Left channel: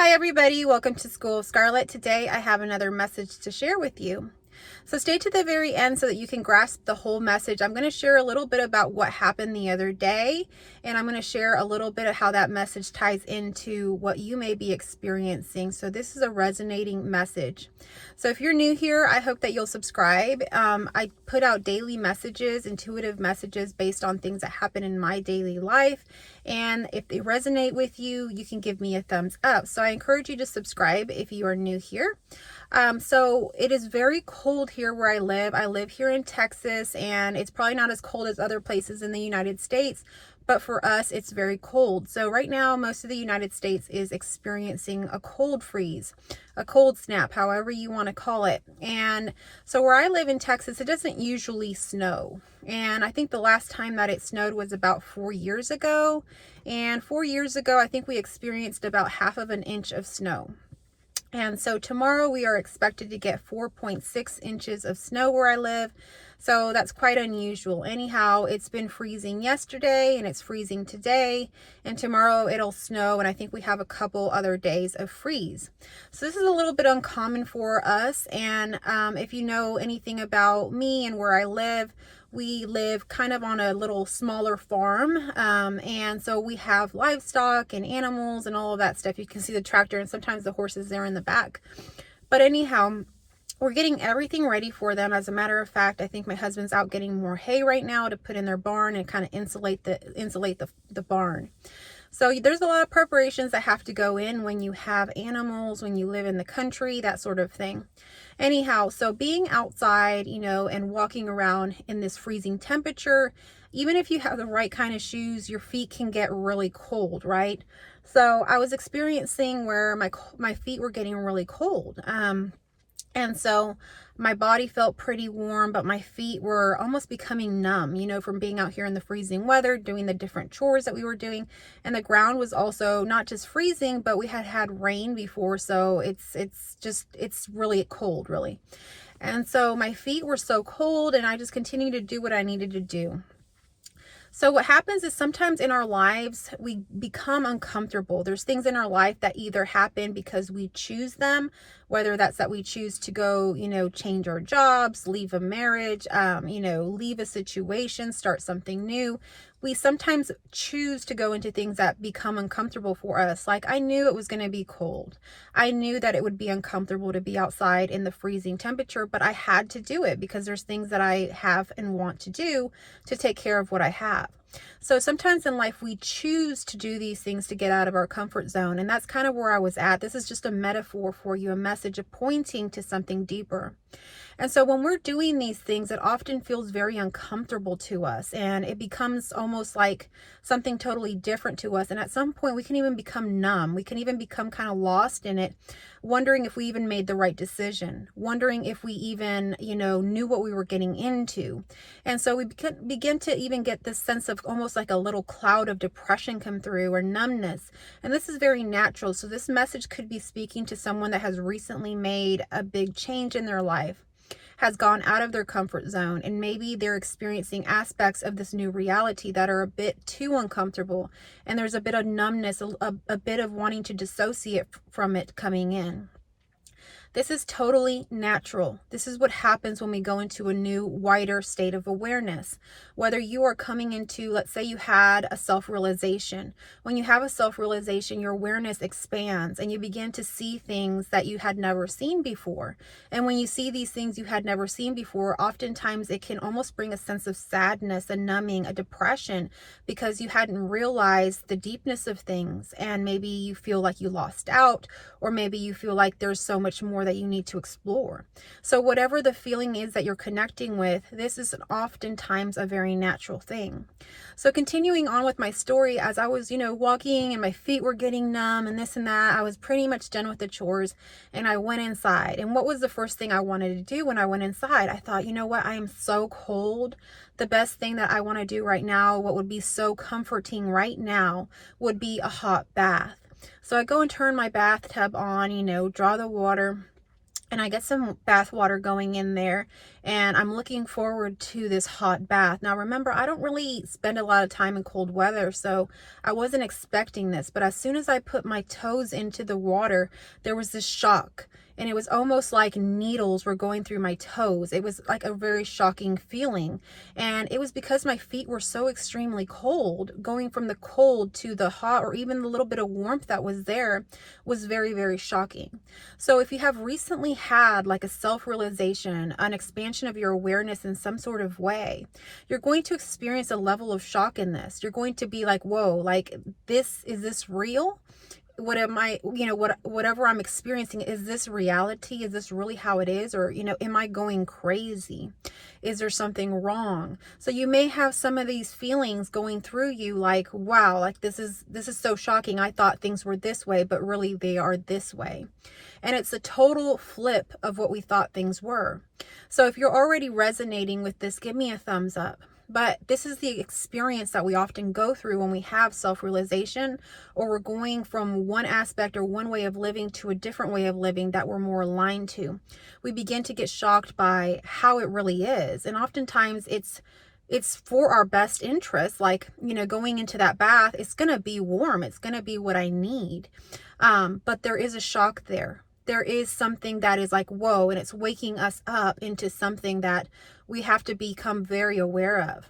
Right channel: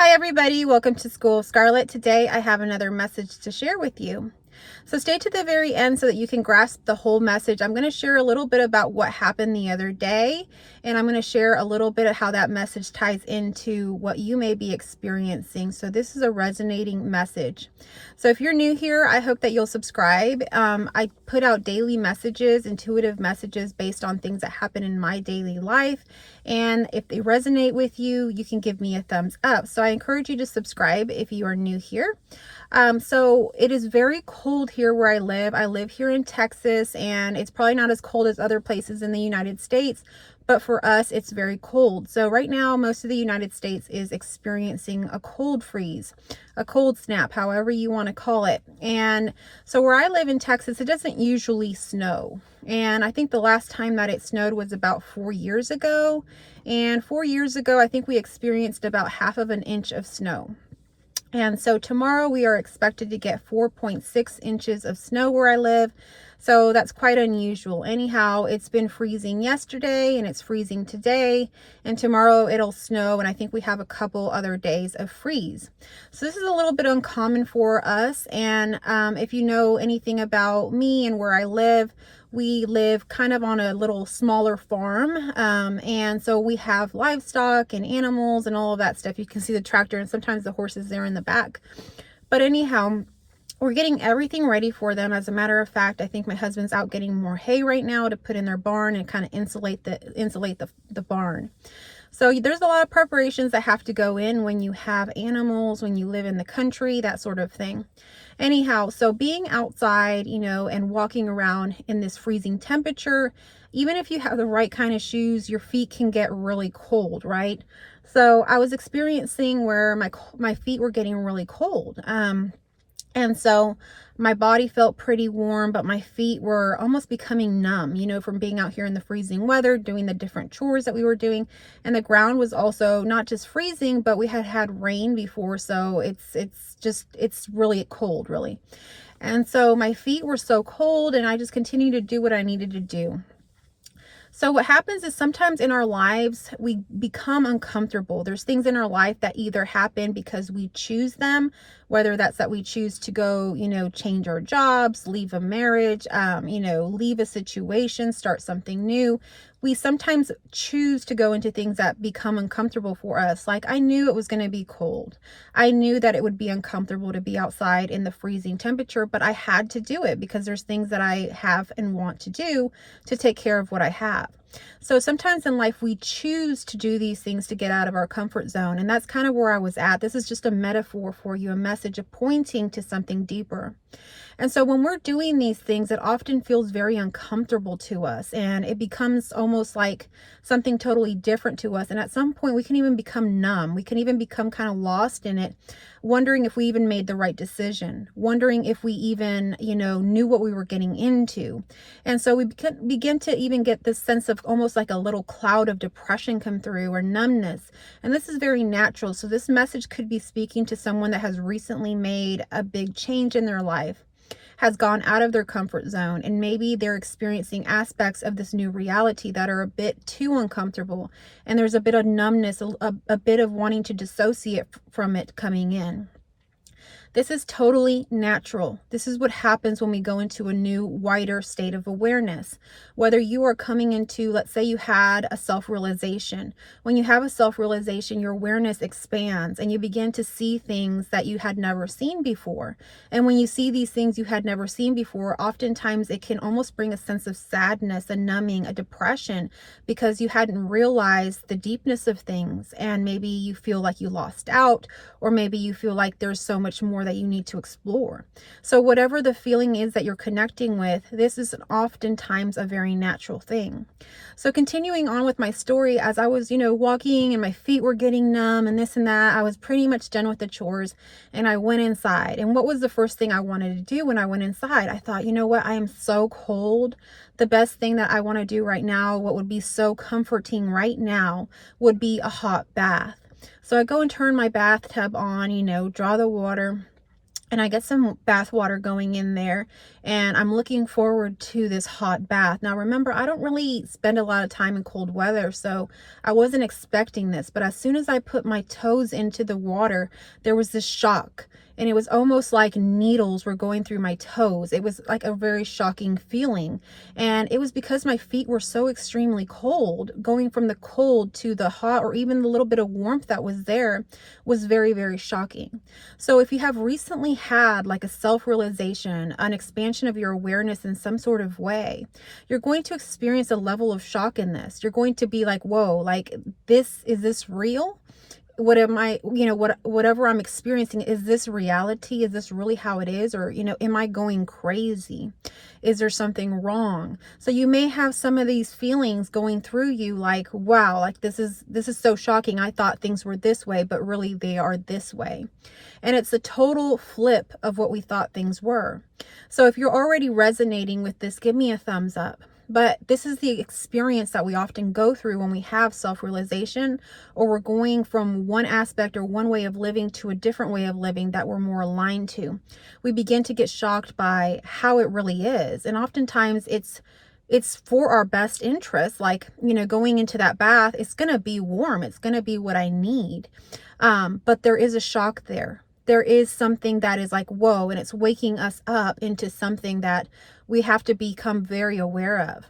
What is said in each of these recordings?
Hi everybody, welcome to School of Scarlet. Today I have another message to share with you. So stay to the very end so that you can grasp the whole message. I'm going to share a little bit about what happened the other day, and I'm going to share a little bit of how that message ties into what you may be experiencing. So this is a resonating message. So if you're new here, I hope that you'll subscribe. I put out daily messages, intuitive messages based on things that happen in my daily life. And if they resonate with you, you can give me a thumbs up. So I encourage you to subscribe if you are new here. So it is very cold here where I live. I live here in Texas, and it's probably not as cold as other places in the United States, but for us, it's very cold. So right now, most of the United States is experiencing a cold freeze, a cold snap, however you want to call it. And so where I live in Texas, it doesn't usually snow. And I think the last time that it snowed was about 4 years ago. And 4 years ago, I think we experienced about half of an inch of snow. And so tomorrow we are expected to get 4.6 inches of snow where I live. So that's quite unusual. Anyhow, it's been freezing yesterday and it's freezing today, and tomorrow it'll snow, and I think we have a couple other days of freeze. So this is a little bit uncommon for us. And if you know anything about me and where I live, we live kind of on a little smaller farm, and so we have livestock and animals and all of that stuff. You can see the tractor and sometimes the horses there in the back. But anyhow, we're getting everything ready for them. As a matter of fact, I think my husband's out getting more hay right now to put in their barn and kind of insulate the barn. So there's a lot of preparations that have to go in when you have animals, when you live in the country, that sort of thing. Anyhow, so being outside, and walking around in this freezing temperature, even if you have the right kind of shoes, your feet can get really cold, right? So I was experiencing where my feet were getting really cold. And so my body felt pretty warm, but my feet were almost becoming numb, from being out here in the freezing weather, doing the different chores that we were doing. And the ground was also not just freezing, but we had rain before. So it's really cold, really. And so my feet were so cold, and I just continued to do what I needed to do. So what happens is sometimes in our lives, we become uncomfortable. There's things in our life that either happen because we choose them, whether that's that we choose to go, change our jobs, leave a marriage, leave a situation, start something new. We sometimes choose to go into things that become uncomfortable for us. Like, I knew it was going to be cold. I knew that it would be uncomfortable to be outside in the freezing temperature, but I had to do it because there's things that I have and want to do to take care of what I have. So sometimes in life, we choose to do these things to get out of our comfort zone. And that's kind of where I was at. This is just a metaphor for you, a message of pointing to something deeper. And so when we're doing these things, it often feels very uncomfortable to us, and it becomes almost like something totally different to us. And at some point we can even become numb. We can even become kind of lost in it, wondering if we even made the right decision, wondering if we even, knew what we were getting into. And so we begin to even get this sense of almost like a little cloud of depression come through, or numbness. And this is very natural. So this message could be speaking to someone that has recently made a big change in their life, has gone out of their comfort zone, and maybe they're experiencing aspects of this new reality that are a bit too uncomfortable, and there's a bit of numbness, a bit of wanting to dissociate from it coming in. This is totally natural. This is what happens when we go into a new, wider state of awareness. Whether you are coming into, let's say you had a self-realization. When you have a self-realization, your awareness expands and you begin to see things that you had never seen before. And when you see these things you had never seen before, oftentimes it can almost bring a sense of sadness, a numbing, a depression, because you hadn't realized the deepness of things. And maybe you feel like you lost out, or maybe you feel like there's so much more that you need to explore. So whatever the feeling is that you're connecting with, this is oftentimes a very natural thing. So continuing on with my story, as I was, walking and my feet were getting numb and this and that, I was pretty much done with the chores, and I went inside. And what was the first thing I wanted to do when I went inside? I thought, you know what? I am so cold. The best thing that I want to do right now, what would be so comforting right now, would be a hot bath. So I go and turn my bathtub on, draw the water. and I get some bath water going in there, and I'm looking forward to this hot bath. Now, remember, I don't really spend a lot of time in cold weather, so I wasn't expecting this, but as soon as I put my toes into the water, there was this shock, and it was almost like needles were going through my toes. It was like a very shocking feeling, and it was because my feet were so extremely cold. Going from the cold to the hot, or even the little bit of warmth that was there, was very, very shocking. So if you have recently had like a self-realization, an expansion of your awareness in some sort of way, you're going to experience a level of shock in this. You're going to be like, whoa, like is this real? What am I, whatever I'm experiencing, is this reality? Is this really how it is? Or, am I going crazy? Is there something wrong? So you may have some of these feelings going through you like, wow, like this is so shocking. I thought things were this way, but really they are this way. And it's a total flip of what we thought things were. So if you're already resonating with this, give me a thumbs up. But this is the experience that we often go through when we have self-realization, or we're going from one aspect or one way of living to a different way of living that we're more aligned to. We begin to get shocked by how it really is. And oftentimes it's for our best interest. Like, going into that bath, it's going to be warm. It's going to be what I need. But there is a shock there. There is something that is like, whoa, and it's waking us up into something that we have to become very aware of.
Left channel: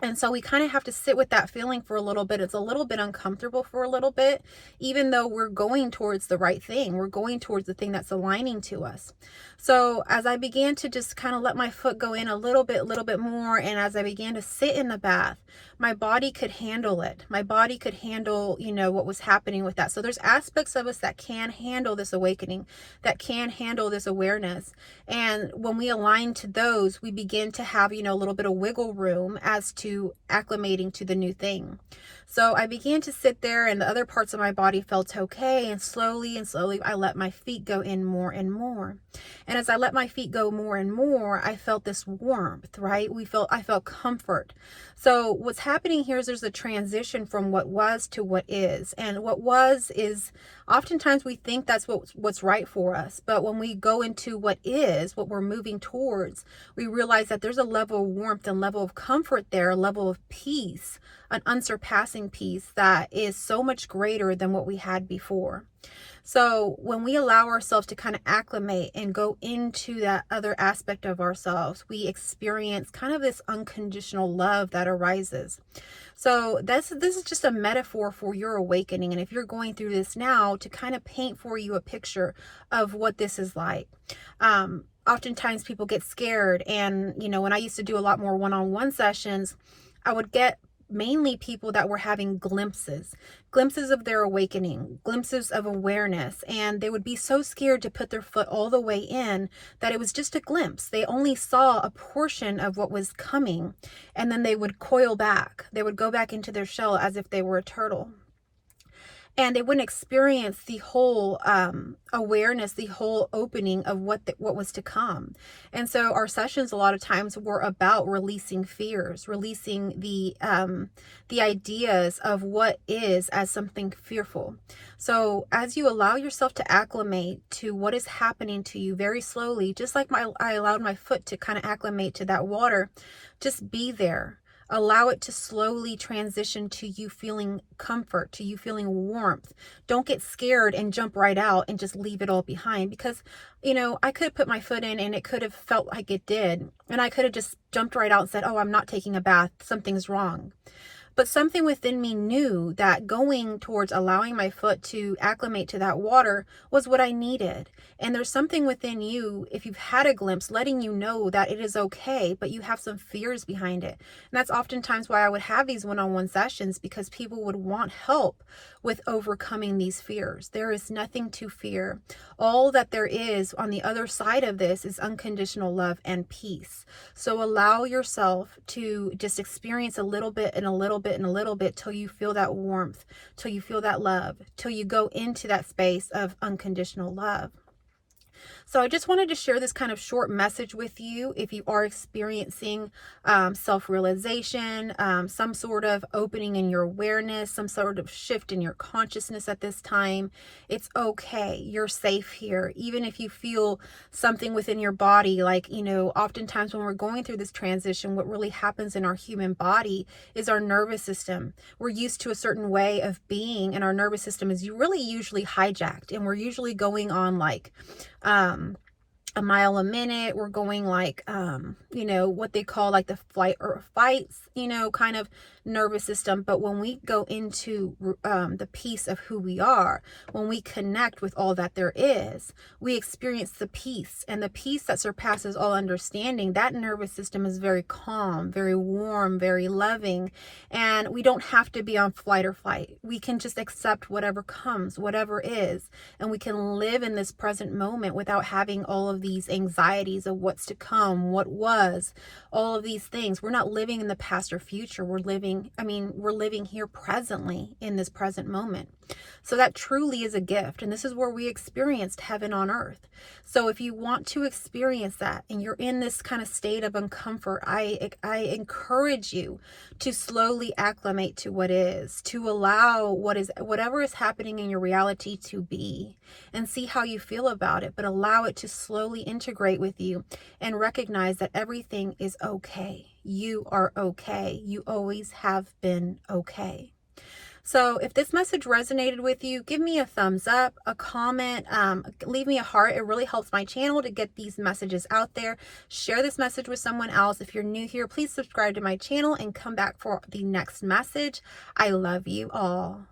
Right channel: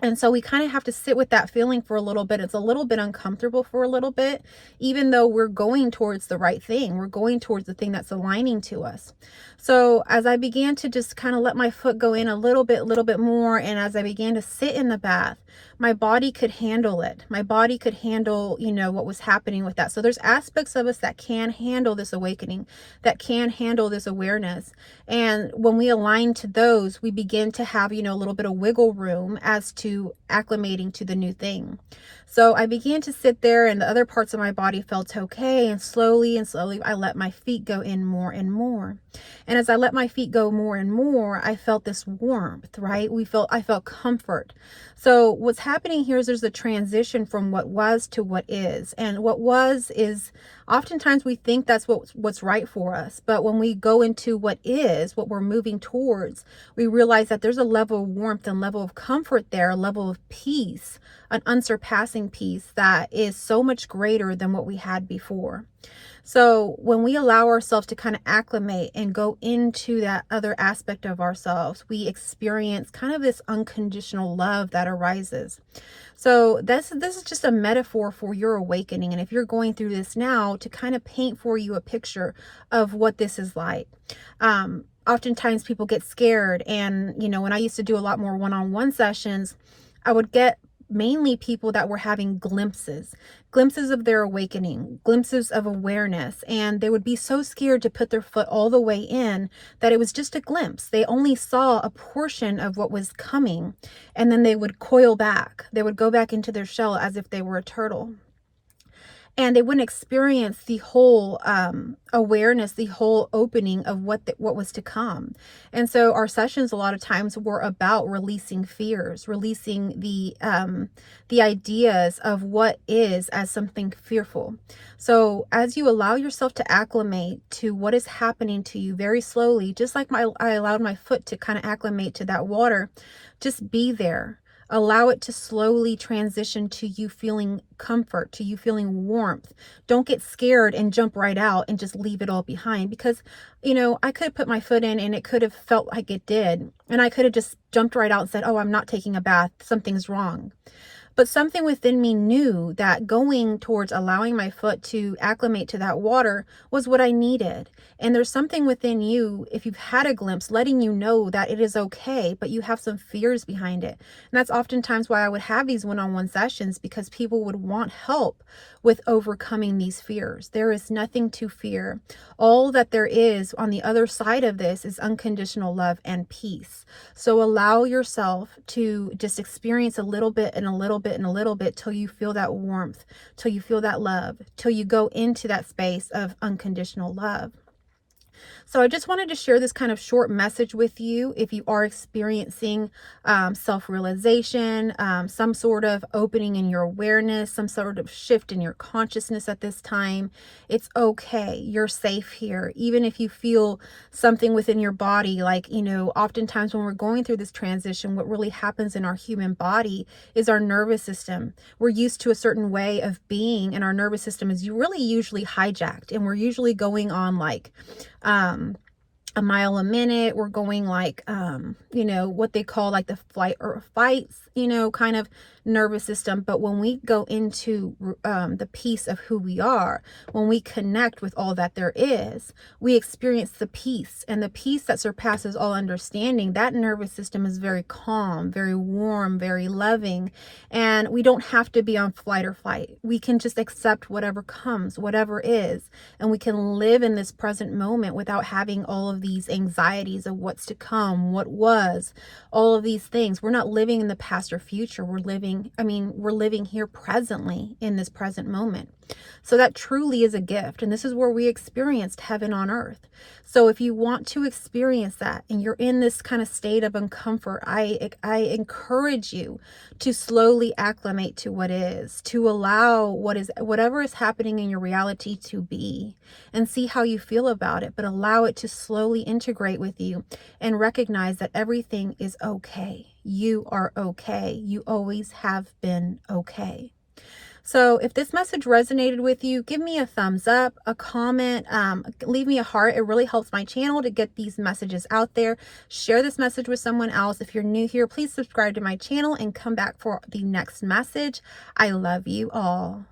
And so we kind of have to sit with that feeling for a little bit. It's a little bit uncomfortable for a little bit, even though we're going towards the right thing. We're going towards the thing that's aligning to us. So as I began to just kind of let my foot go in a little bit more, and as I began to sit in the bath, my body could handle it. My body could handle, what was happening with that. So there's aspects of us that can handle this awakening, that can handle this awareness. And when we align to those, we begin to have, a little bit of wiggle room as to acclimating to the new thing. So I began to sit there, and the other parts of my body felt okay. And slowly, I let my feet go in more and more. And as I let my feet go more and more, I felt this warmth, right? I felt comfort. So what's happening here is there's a transition from what was to what is. And what was is, oftentimes we think that's what's right for us. But when we go into what is, what we're moving towards, we realize that there's a level of warmth and level of comfort there, a level of peace, an unsurpassing peace that is so much greater than what we had before. So when we allow ourselves to kind of acclimate and go into that other aspect of ourselves, we experience kind of this unconditional love that arises. So this is just a metaphor for your awakening. And if you're going through this now, to kind of paint for you a picture of what this is like. Oftentimes people get scared. And, when I used to do a lot more one-on-one sessions, I would get mainly people that were having glimpses of their awakening, glimpses of awareness. And they would be so scared to put their foot all the way in that it was just a glimpse. They only saw a portion of what was coming, and then they would coil back. They would go back into their shell as if they were a turtle. And they wouldn't experience the whole awareness, the whole opening of what was to come. And so our sessions a lot of times were about releasing fears, releasing the ideas of what is as something fearful. So as you allow yourself to acclimate to what is happening to you very slowly, just like I allowed my foot to kind of acclimate to that water, just be there. Allow it to slowly transition to you feeling comfort, to you feeling warmth. Don't get scared and jump right out and just leave it all behind, because, I could have put my foot in and it could have felt like it did. And I could have just jumped right out and said, oh, I'm not taking a bath. Something's wrong. But something within me knew that going towards allowing my foot to acclimate to that water was what I needed. And there's something within you, if you've had a glimpse, letting you know that it is okay, but you have some fears behind it. And that's oftentimes why I would have these one-on-one sessions, because people would want help with overcoming these fears. There is nothing to fear. All that there is on the other side of this is unconditional love and peace. So allow yourself to just experience a little bit and a little bit and a little bit till you feel that warmth, till you feel that love, till you go into that space of unconditional love. So I just wanted to share this kind of short message with you. If you are experiencing self-realization, some sort of opening in your awareness, some sort of shift in your consciousness at this time, it's okay. You're safe here. Even if you feel something within your body, like, oftentimes when we're going through this transition, what really happens in our human body is our nervous system. We're used to a certain way of being, and our nervous system is really usually hijacked, and we're usually going on like a mile a minute. We're going like what they call like the flight or fights, kind of nervous system. But when we go into the peace of who we are, when we connect with all that there is, we experience the peace, and the peace that surpasses all understanding. That nervous system is very calm, very warm, very loving, and we don't have to be on flight or fight. We can just accept whatever comes, whatever is, and we can live in this present moment without having all of these anxieties of what's to come, what was, all of these things. We're not living in the past or future. We're living here presently in this present moment. So that truly is a gift. And this is where we experienced heaven on earth. So if you want to experience that and you're in this kind of state of uncomfort, I encourage you to slowly acclimate to what is, to allow whatever is happening in your reality to be, and see how you feel about it, but allow it to slowly integrate with you and recognize that everything is okay. You are okay. You always have been okay. So if this message resonated with you, give me a thumbs up, a comment, leave me a heart. It really helps my channel to get these messages out there. Share this message with someone else. If you're new here, please subscribe to my channel and come back for the next message. I love you all.